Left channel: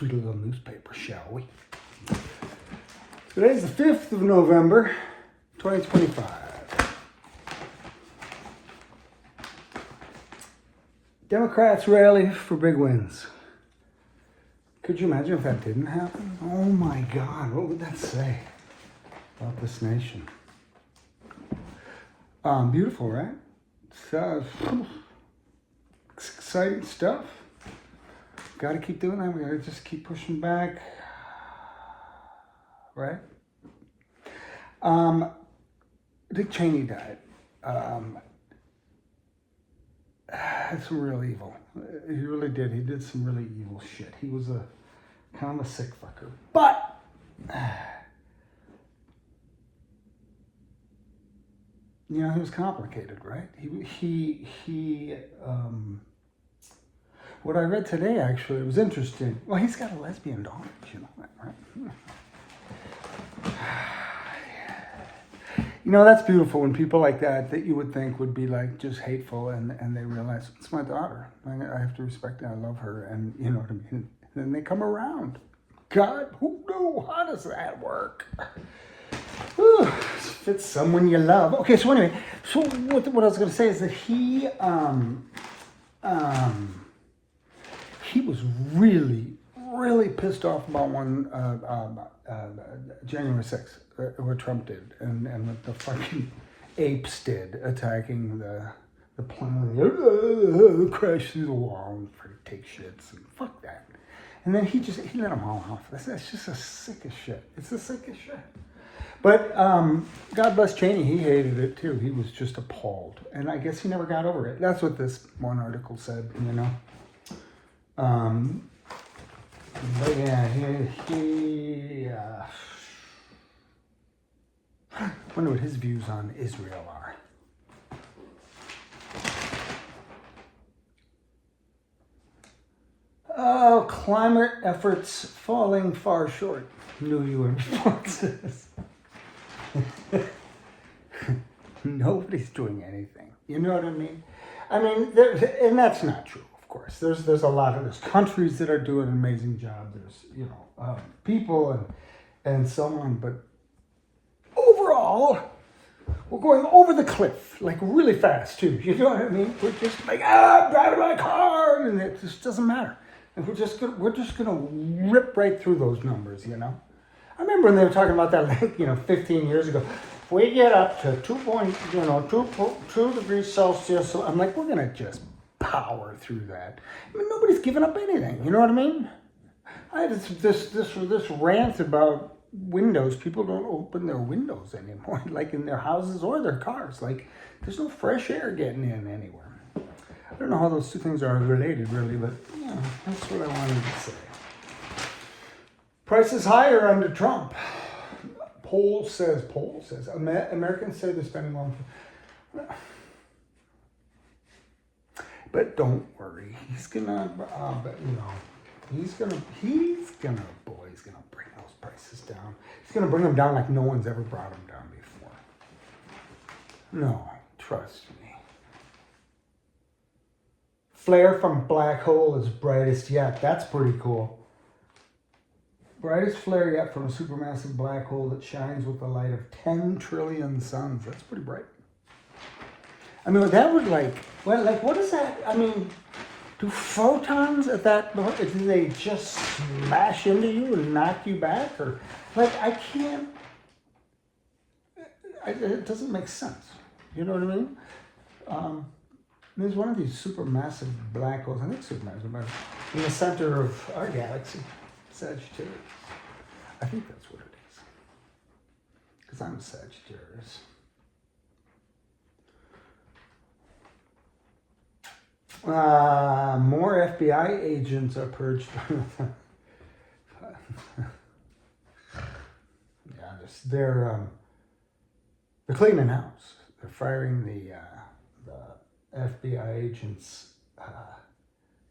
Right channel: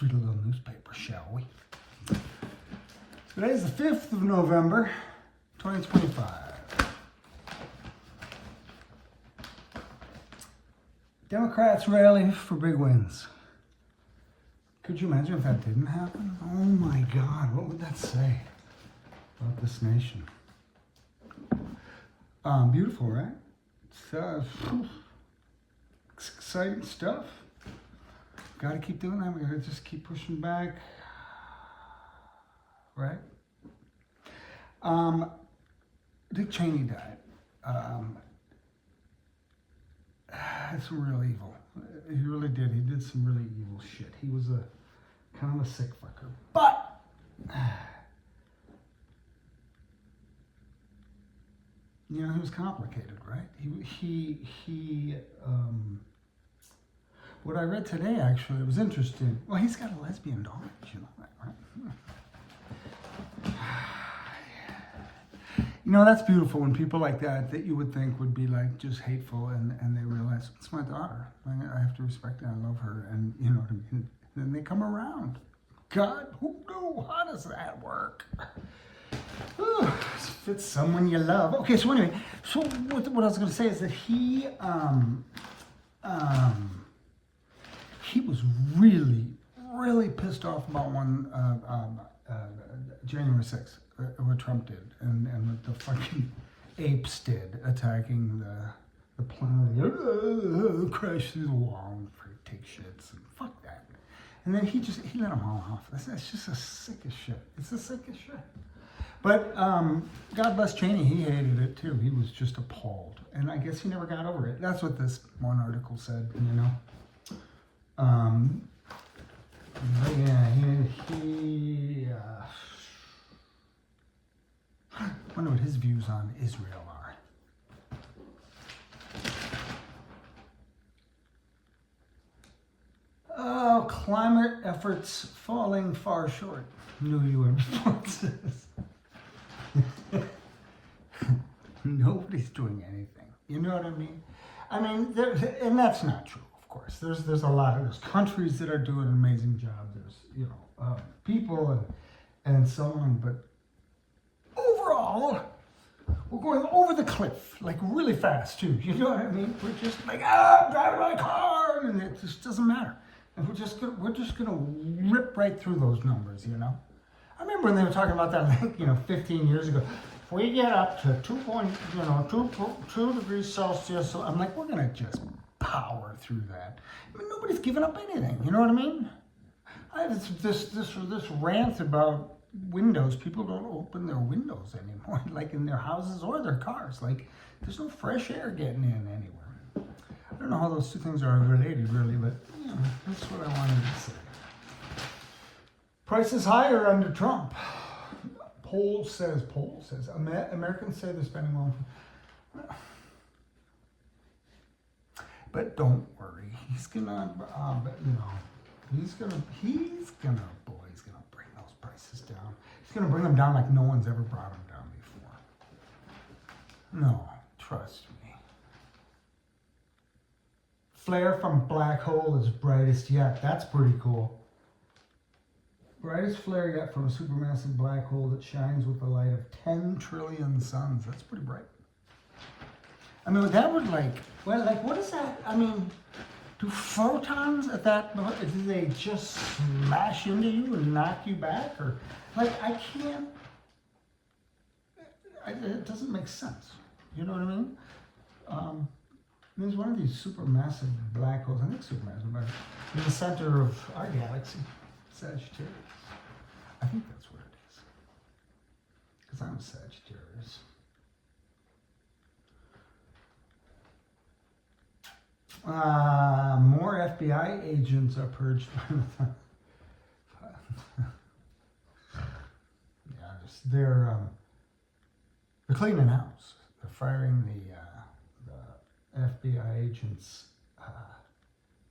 Read a little newspaper, shall we? Today's the 5th of November, 2025. Democrats rally for big wins. Could you imagine if that didn't happen? Oh my God, what would that say about this nation? Beautiful, right? It's exciting stuff. Got to keep doing that. We got to just keep pushing back, right? Dick Cheney died. Had some real evil. He really did. He did some really evil shit. He was a kind of a sick fucker. But you know, he was complicated, right? He what I read today, actually, it was interesting. Well, he's got a lesbian daughter, you know that, right? You know, that's beautiful when people like that you would think would be like just hateful, and they realize, it's my daughter. I have to respect her. I love her, and you know what I mean? And then they come around. God, who knew? How does that work? If it's someone you love. Okay, so anyway, so what I was going to say is that he was really pissed off about January 6th, what Trump did, and what the fucking apes did, attacking the plane, crash through the wall and take shits, and fuck that. And then he let them all off. That's just the sickest shit. It's the sickest shit. But God bless Cheney, he hated it too. He was just appalled. And I guess he never got over it. That's what this one article said, you know. But yeah, I wonder what his views on Israel are. Oh, climate efforts falling far short. New UN report says. Nobody's doing anything. You know what I mean? I mean, and that's not true. Of course, there's a lot of countries that are doing an amazing job. There's people and so on, but overall, we're going over the cliff like really fast too. You know what I mean? We're just like I'm driving my car, and it just doesn't matter. And we're just gonna rip right through those numbers. You know, I remember when they were talking about that 15 years ago. If we get up to 2 degrees Celsius, I'm like, we're gonna just power through that. I mean, nobody's giving up anything. You know what I mean? I had this rant about windows. People don't open their windows anymore, like in their houses or their cars. Like, there's no fresh air getting in anywhere. I don't know how those two things are related, really, but that's what I wanted to say. Prices higher under Trump. Poll says. Americans say they're spending more. But don't worry, he's gonna bring those prices down. He's gonna bring them down like no one's ever brought them down before. No, trust me. Flare from black hole is brightest yet. That's pretty cool. Brightest flare yet from a supermassive black hole that shines with the light of 10 trillion suns. That's pretty bright. I mean, that would what is that? I mean, do photons at that, do they just smash into you and knock you back? Or, I can't, it doesn't make sense. You know what I mean? There's one of these supermassive black holes, I think supermassive, in the center of our galaxy, Sagittarius. I think that's what it is. Because I'm a Sagittarius. More FBI agents are purged. They're cleaning house. They're firing the FBI agents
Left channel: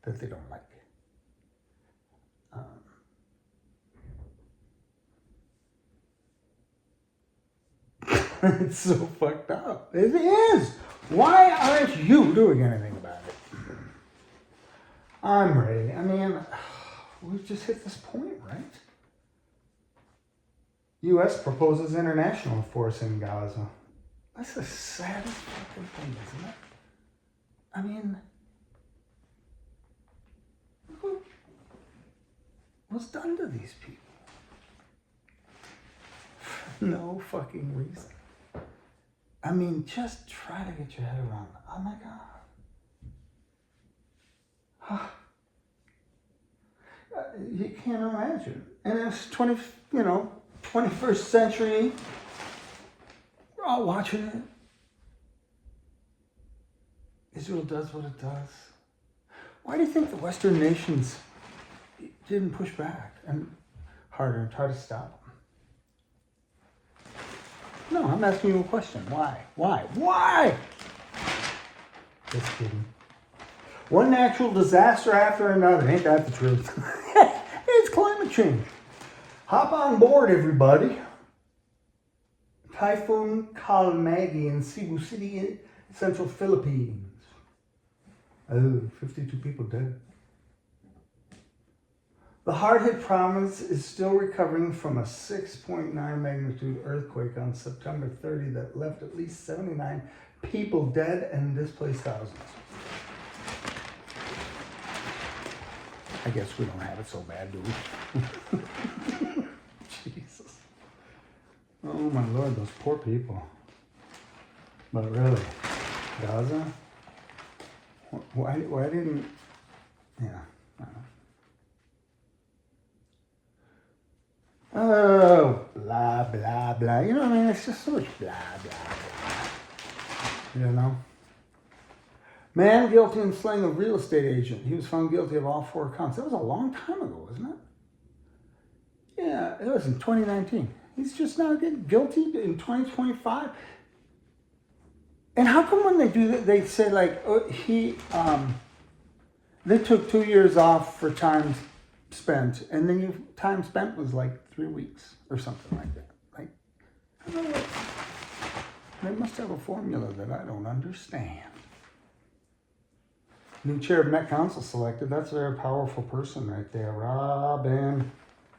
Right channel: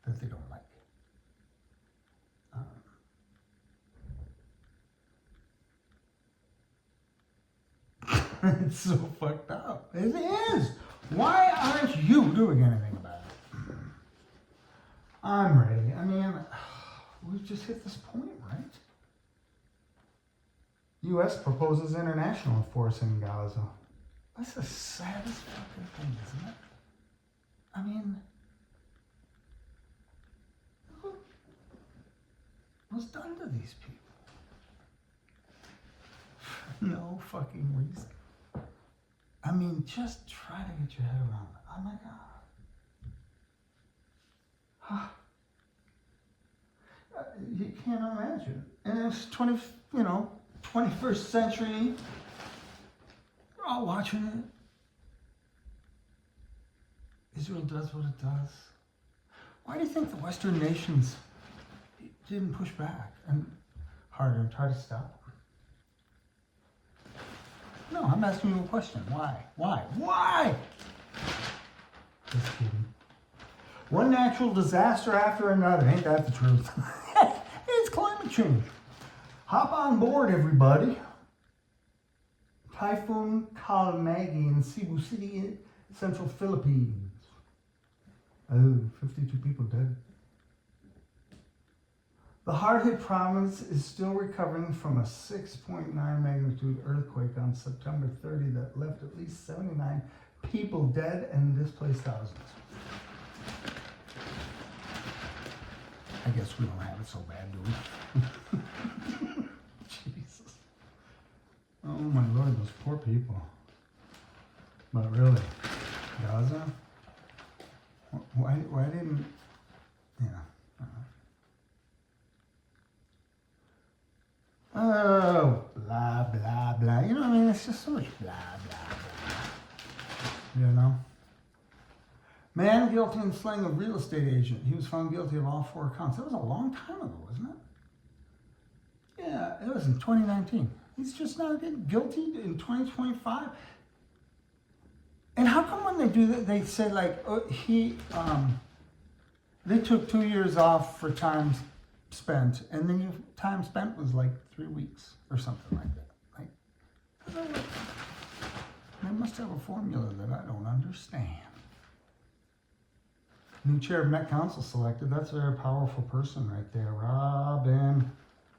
that they don't like. It's so fucked up. It is. Why aren't you doing anything about it? I'm ready. I mean, we've just hit this point, right? U.S. proposes international force in Gaza. That's the saddest fucking thing, isn't it? I mean, look what's done to these people. No fucking reason. I mean, just try to get your head around it. Oh my God. You can't imagine. And it's 21st century. We're all watching it. Israel does what it does. Why do you think the Western nations didn't push back and harder and try to stop them? No, I'm asking you a question. Why? Why? Just kidding. One natural disaster after another. Ain't that the truth? It's climate change. Hop on board, everybody. Typhoon Kalmagi in Cebu City, in central Philippines. 52 people dead. The hard-hit province is still recovering from a 6.9 magnitude earthquake on September 30 that left at least 79 people dead and displaced thousands. I guess we don't have it so bad, do we? Jesus. Oh my Lord, those poor people. But really, Gaza? Why didn't... Yeah. Oh, blah, blah, blah. You know what I mean? It's just so much blah, blah, blah. You know? Man guilty in slaying a real estate agent. He was found guilty of all 4 counts. That was a long time ago, wasn't it? Yeah, it was in 2019. He's just now getting guilty in 2025. And how come when they do that, they say like, they took 2 years off for time spent, and then time spent was like 3 weeks or something like that. Like, I don't know what, they must have a formula that I don't understand. New chair of Met Council selected. That's a very powerful person right there. Robin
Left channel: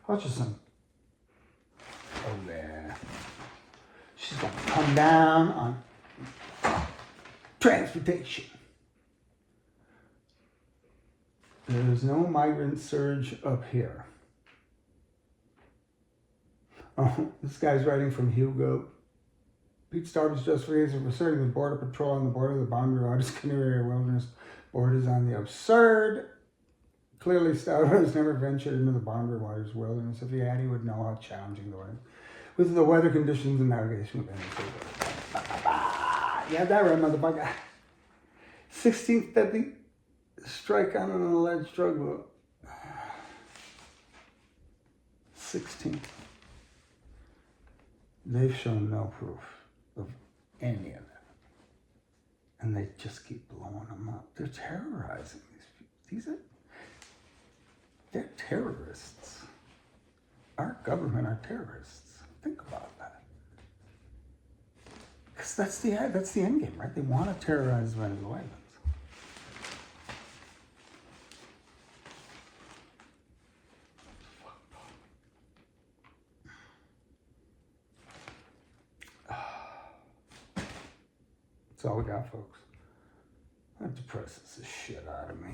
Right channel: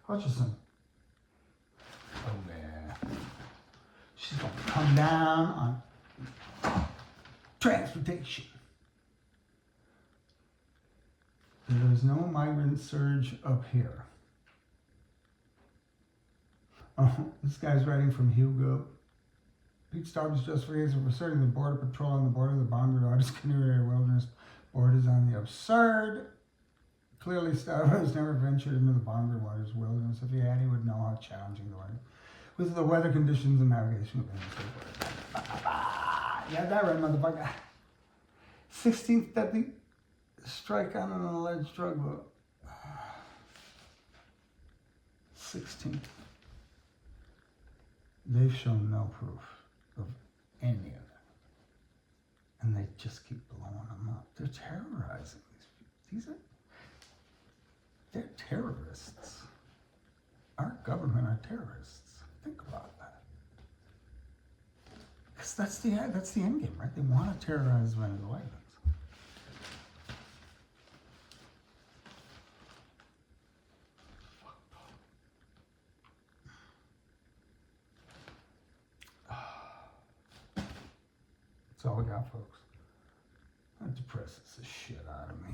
Hutchison. Oh, yeah. She's going to come down on transportation. There's no migrant surge up here. Oh, this guy's writing from Hugo. Pete Starb's justification for asserting the border patrol on the border of the boundary waters, Canoe Area Wilderness borders on the absurd. Clearly, Starbuck has never ventured into the boundary waters wilderness. If he had, he would know how challenging the weather, with the weather conditions and navigation of any. Yeah, that right, motherfucker. 16th deadly strike on an alleged drug lord. 16th. They've shown no proof of any of that. And they just keep blowing them up. They're terrorizing these people. They're terrorists. Our government are terrorists. Think about that. Because that's the end game, right? They want to terrorize Venezuelans. That's all we got, folks. That depresses the shit out of me.